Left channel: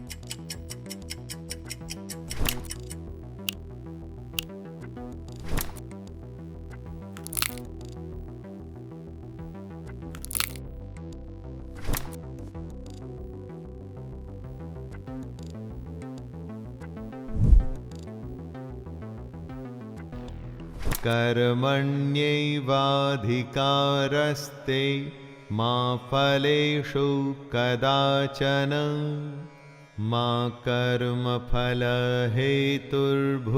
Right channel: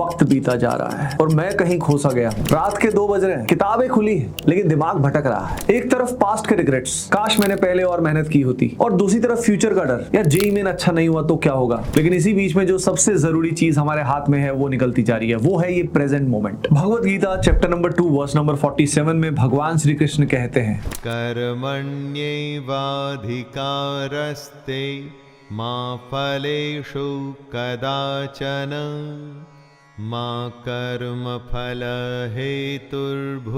वक्त बीता जा रहा है और मैं कहीं खोसा गया। रात के 2 बज रहे हैं, किताबें खुली हैं, लेकिन दिमाग भटक रहा है। एक तरफ पास्ट के रिग्रेट्स, काश मैंने पहले और मेहनत की होती, और दूसरी तरफ फ्यूचर का डर, यार जेईई मेन अच्छा नहीं हुआ तो क्या होगा। लेकिन इसी बीच में जो सबसे जरूरी चीज हमारे हाथ में है वो निकलती जा रही है, वो है ये present moment. Bhagavad Gita chapter number 2 verse number 47 में भगवान श्री कृष्ण कहते हैं, कर्मण्येवाधिकारस्ते मा फलेषु कदाचन मा कर्मफल हेतुर्भुर्मा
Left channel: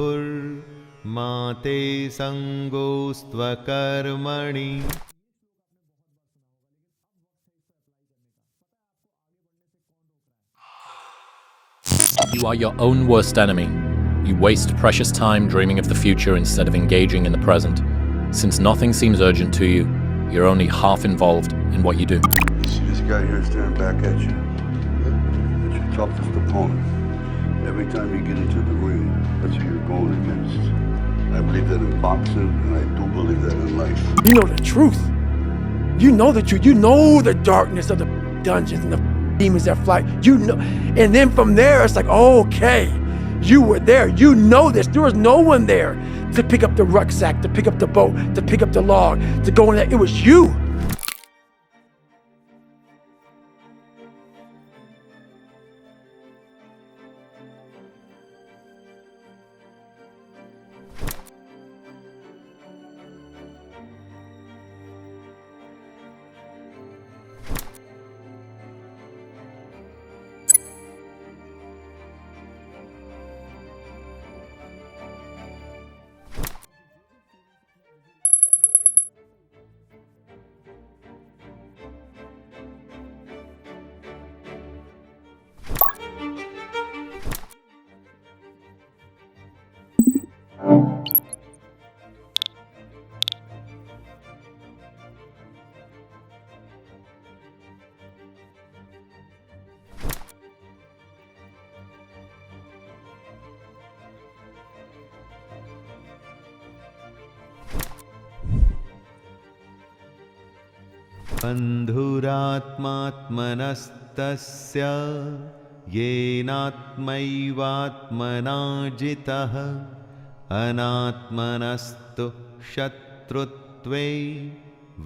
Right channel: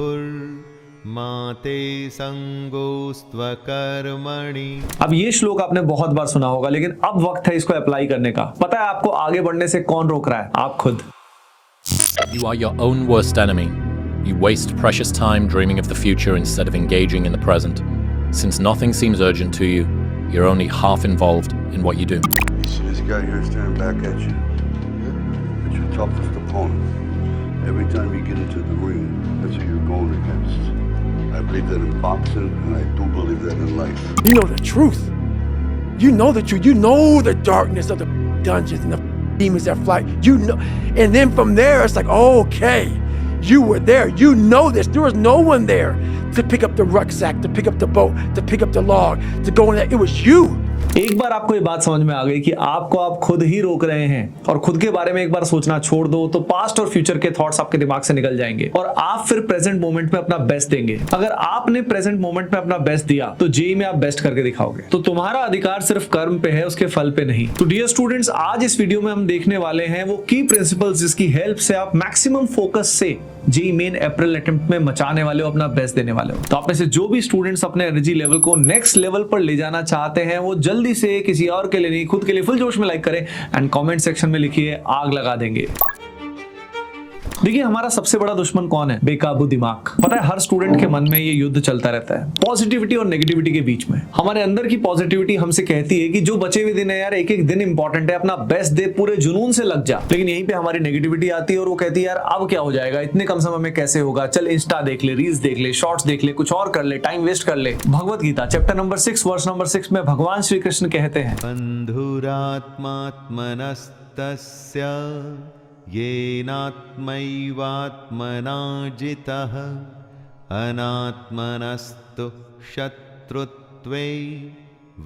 ते संगोस्त्वकर्मणि। अब ये श्लोक आपने बहुत बार सुना होगा, लेकिन अब वक्त है इसको अप्लाई करने का। पता है आपको आगे बढ़ने से कौन रोक रहा है? आप खुद। You are your own worst enemy. You waste precious time dreaming of the future instead of engaging in the present. Since nothing seems urgent to you, you're only half involved in what you do. You see this guy here staring back at you? It's your toughest opponent. Every time you get into the ring, that's who you're going against. I believe that in boxing, and I do believe that in life. You know the truth. You know the truth. You know the darkness of the dungeons and the demons that fly. You know, and then from there, it's like, okay, you were there. You know this. There was no one there to pick up the rucksack, to pick up the boat, to pick up the log, to go in there. It was you. एक बार आपको ये बात समझ में आ गई कि आपको आप खुद ही रोक रहे हैं और खुद के बारे में एक बार सोचना छोड़ दो, तो पास्ट और फ्यूचर के थॉट्स आपके दिमाग से निकल जाएंगे और आप फिर प्रेजेंट मोमेंट में अपना बेस्ट देंगे। अगर आपने प्रेजेंट मोमेंट में अपना बेस्ट दिया तो जेईई में आप बेस्ट करके दिखाओगे। तो तुम्हारा अधिकार सिर्फ कर्म पे है, उसके फल पे नहीं। तो डियर स्टूडेंट्स, आज इस वीडियो में हम देखने वाले हैं वो की प्रिंसिपल्स जिसकी हेल्प से आप मैक्सिमम फोकस से जेईई मेन अप्रैल अटेम्प्ट में मचाने वाले हो, अपना बेस्ट देने वाले हो। तो आप में से जो भी स्टूडेंट्स अपने एनर्जी लेवल को नेक्स्ट लेवल पर ले जाना चाहते हैं, वो जल्दी से किसी और के लिए नहीं, खुद के लिए फुल जोश में लाइक करें एंड कमेंट सेक्शन में लिखिए, आग लगा देंगे। देखिए, हमारा सबसे बड़ा दुश्मन कौन है? बेकाबू दिमाग। पता है, हर स्टूडेंट के मन में ये युद्ध चलता रहता है, पॉजिटिविटी और नेगेटिविटी के बीच में। हमारे अंदर की पॉजिटिविटी हमसे कहती है कि जो बचे हुए दिन है यार, एक एक दिन इंपॉर्टेंट है, अपना बेस्ट दे, पूरे जुनून से लग जा। लेकिन यहीं पे हमारी नेगेटिविटी आती है और वो कहती है यार अब क्या हो जाएगा, इतने कम समय में कैसे होगा, चल इंस्टा देख ले, रील्स देख ले, शॉर्ट्स देख ले, कुछ और कर ले, टाइम वेस्ट कर ले। Bhagavad Gita chapter number 6 verse number 6 में भगवान श्री कृष्ण कहते हैं, बन्धुरात्मात्मनस्तस्य येनात्मैवात्मना जितः अनात्मनस्तु शत्रुत्वे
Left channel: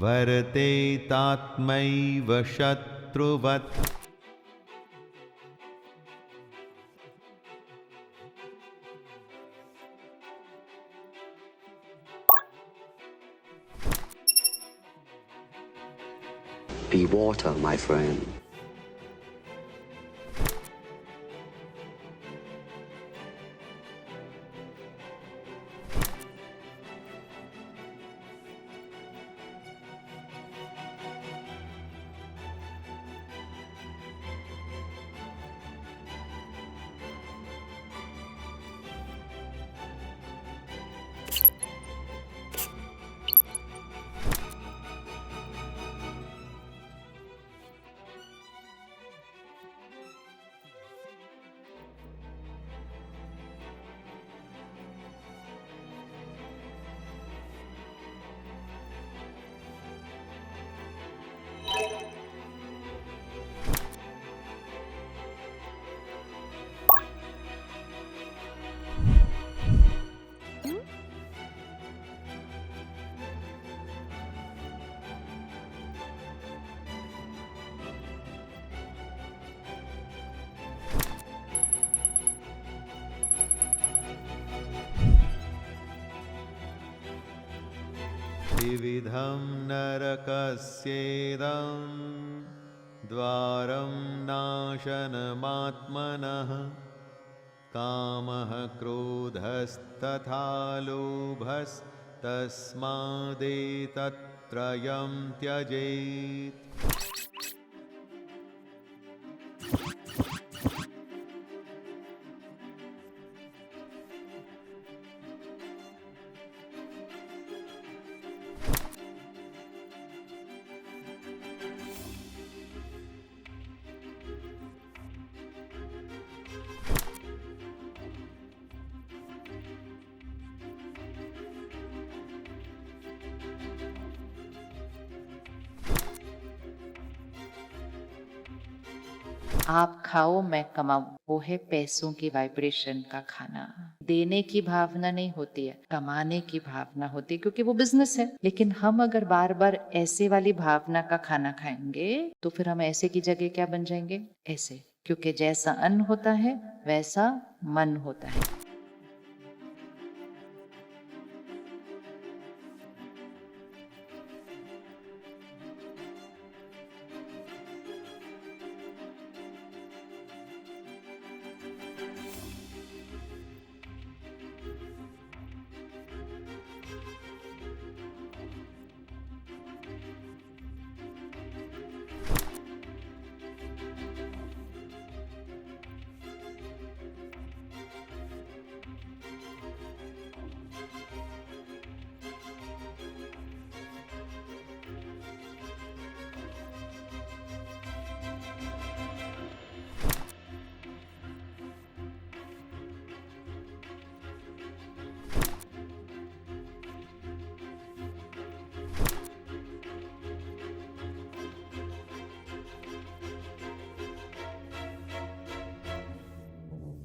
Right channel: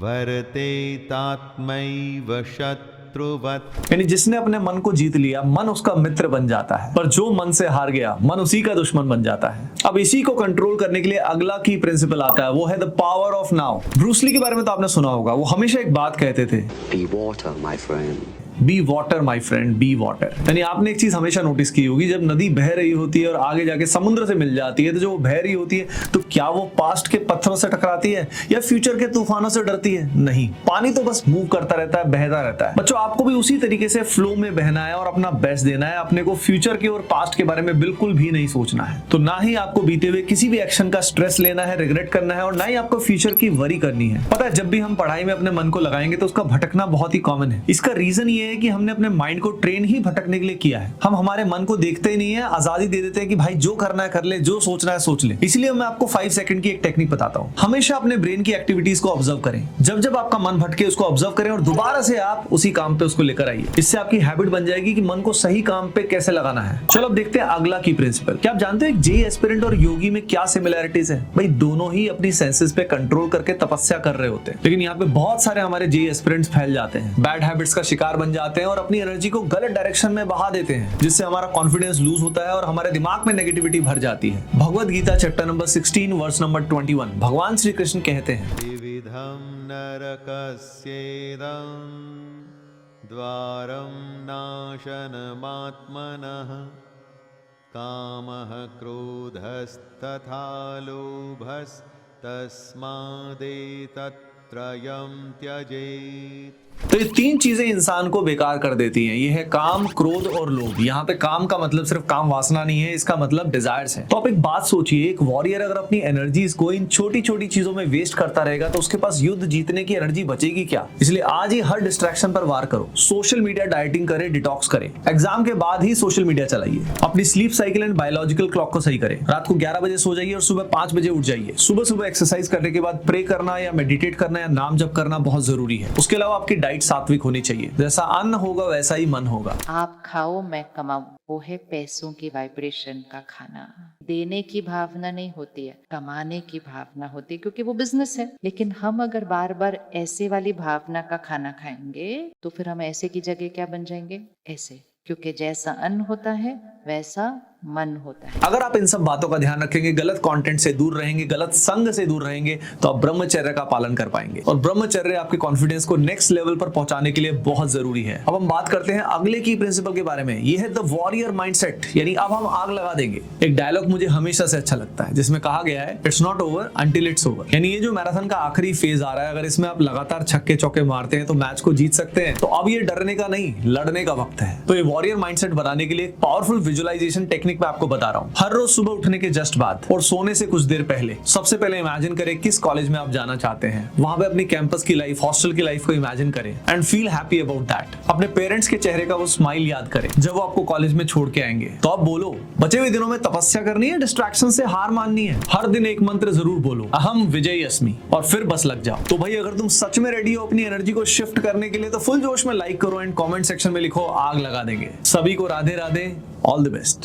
वर्तेतात्मैव शत्रुवत्। यानी जिसने अपने मन को जीत लिया, मन उसका मित्र बन जाता है, पर जो मन से हार गया, मन उसी का दुश्मन बन जाता है। अब इसी को कंट्रोल करने के लिए अगला की प्रिंसिपल आता है, वो है the power of now. Bruce Lee के बारे में तो आपने सुना होगा, वो हमेशा एक बात कहते थे, Be water, my friend. Be water my friend, be water. यानी आपने एक चीज हमेशा नोटिस की होगी, जब नदी बह रही होती है और आगे जाके समुद्र से मिल जाती है, तो जो बह रही होती है तो क्या वो पास्ट के पत्थरों से टकराती है या फ्यूचर के तूफानों से डरती है? नहीं, पानी तो बस मूव करता रहता है, बहता रहता है। बच्चों, आपको भी उसी तरीके से फ्लो में बहना है और अपना बेस्ट देना है। अपने को फ्यूचर के और पास्ट के बारे में बिल्कुल भी नहीं सोचना है। तो ना ही आपको बीते हुए किसी भी एक्शन का स्ट्रेस लेना है, रिग्रेट करना है, और ना ही आपको फ्यूचर की वरी करनी है। पता है, जब भी हम पढ़ाई में अपने मन को लगाएंगे तो उसका भटकना बहुत ही कॉमन है। इसका रीजन ये है कि हमने अपने माइंड को ट्रेन ही भटकने के लिए किया है। हम हमारे मन को देखते ही नहीं है, आजादी दे देते हैं कि भाई जो करना है कर ले, जो सोचना है सोच ले। इसलिए मैं आपको 5 सेकंड की एक टेक्निक बताता हूँ। हमेशा अपने ब्रेन की एक्टिविटीज को ऑब्जर्व करें। जब जब आपका मन भटके उसको ऑब्जर्व करें और दोबारा से आप उसी काम पे उसको लेकर आइए। इससे आपकी हैबिट बन जाएगी कि मन को सही काम पे कैसे लगाना है। चलो अब देखते हैं अगला की प्रिंसिपल। क्या आप जानते हो जेईई एस्पिरेंट और योगी में क्या सिमिलरिटीज है? भाई दोनों ही अपनी सेंसेस पे कंट्रोल करके तपस्या कर रहे होते हैं, लेकिन यहाँ पे बहुत सारे हमारे जेईई एस्पिरेंट्स फैल जाते हैं, बैड हैबिट्स का शिकार बन जाते हैं और अपनी एनर्जी को गलत डायरेक्शन में बहा देते हैं, जिससे हमारा कॉन्फिडेंस लूज होता है और हमारे दिमाग में नेगेटिविटी भर जाती है। Bhagavad Gita chapter number 16 verse number 21 भगवान श्री कृष्ण कहते हैं, विविधं नरकस्येदं द्वारं नाशनमात्मनः कामः क्रोधस्तथा लोभस्तस्मादेतत्त्रयं त्यजेत्। तो ये 3 चीजें इंसान को बेकार कर देती हैं। ये है काम, क्रोध और लोभ। यहाँ पे काम का मतलब सिर्फ काम वासना नहीं है, इसका मतलब डिजायर्स है। तो आप एक बात सोचिए, एक वॉरियर अगर अपनी एनर्जीज को इन छोटी छोटी चीजों में वेस्ट करता रहेगा तो उसके पास युद्ध जीतने की एनर्जी बचेगी क्या? इसलिए आज ही हर डिस्ट्रैक्शन पर वार करो। सोशल मीडिया डाइटिंग करें, डिटॉक्स करें। एग्जाम के बाद ही सोशल मीडिया चलाइए। अपनी sleep cycle and biological clock को सही करें। रात को 11 बजे सो जाइए और सुबह 5 बजे उठ जाइए। सुबह सुबह एक्सरसाइज करने के बाद प्रे करना या मेडिटेट करना या नाम जप करना बहुत जरूरी है। उसके अलावा आपकी डाइट सात्विक होनी चाहिए। जैसा अन्न होगा वैसा ही मन होगा। आप खाओ मैं कमाऊं, वो है पैसों की वाइब्रेशन का खाना। देने की भावना नहीं होती है, कमाने की भावना होती है, क्योंकि वो बिजनेस है। लेकिन हम अगर बार बार ऐसे वाली भावना का खाना खाएंगे तो फिर हम ऐसे की जगह क्या बन जाएंगे, ऐसे। क्योंकि जैसा अन्न होता है वैसा मन होता है। अगर आप इन सब बातों का ध्यान रखेंगे, गलत कंटेंट से दूर रहेंगे, गलत संग से दूर रहेंगे, तो आप ब्रह्मचर्य का पालन कर पाएंगे। और ब्रह्मचर्य आपके कॉन्फिडेंस को नेक्स्ट लेवल पर पहुंचाने के लिए बहुत जरूरी है। अब हम बात करते हैं अगले की प्रिंसिपल के बारे में। ये है द वॉरियर माइंडसेट, यानी अब हम आग लगा देंगे। एक डायलॉग मुझे हमेशा से अच्छा लगता है जिसमें कहा गया है, it's not over until it's over. यानी ये जो मैराथन का आखिरी फेज आ रहा है, अगर इसमें आप लगातार छक्के चौके मारते हैं तो मैच को जीत सकते हैं। तो अब ये डरने का नहीं, लड़ने का वक्त है। तो ये वॉरियर माइंडसेट बनाने के लिए पावरफुल विजुअलाइजेशन टेक्निक मैं आपको बता रहा हूं। हर रोज सुबह उठने के जस्ट बाद और सोने से कुछ देर पहले सबसे पहले इमेजिन करें किस कॉलेज में आप जाना चाहते हैं। वहां पे अपनी कैंपस की लाइफ, हॉस्टल की लाइफ को इमेजिन करें and feel happy about that. अपने पेरेंट्स के चेहरे का वो स्माइल याद करें जब वो आपको कॉलेज में छोड़ के आएंगे। तो आप बोलो, बचे हुए दिनों में तपस्या करनी है, डिस्ट्रैक्शन से हार माननी है। हर दिन एक मंत्र जरूर बोलो, अहम विजयी अस्मि, और फिर बस लग जाओ। तो भाई अगर तुम सच में रेडी हो अपनी एनर्जी को शिफ्ट करने के लिए तो फुल जोश में लाइक करो एंड कमेंट सेक्शन में लिखो, आग लगा देंगे। सभी को Radhe Radhe, all the best.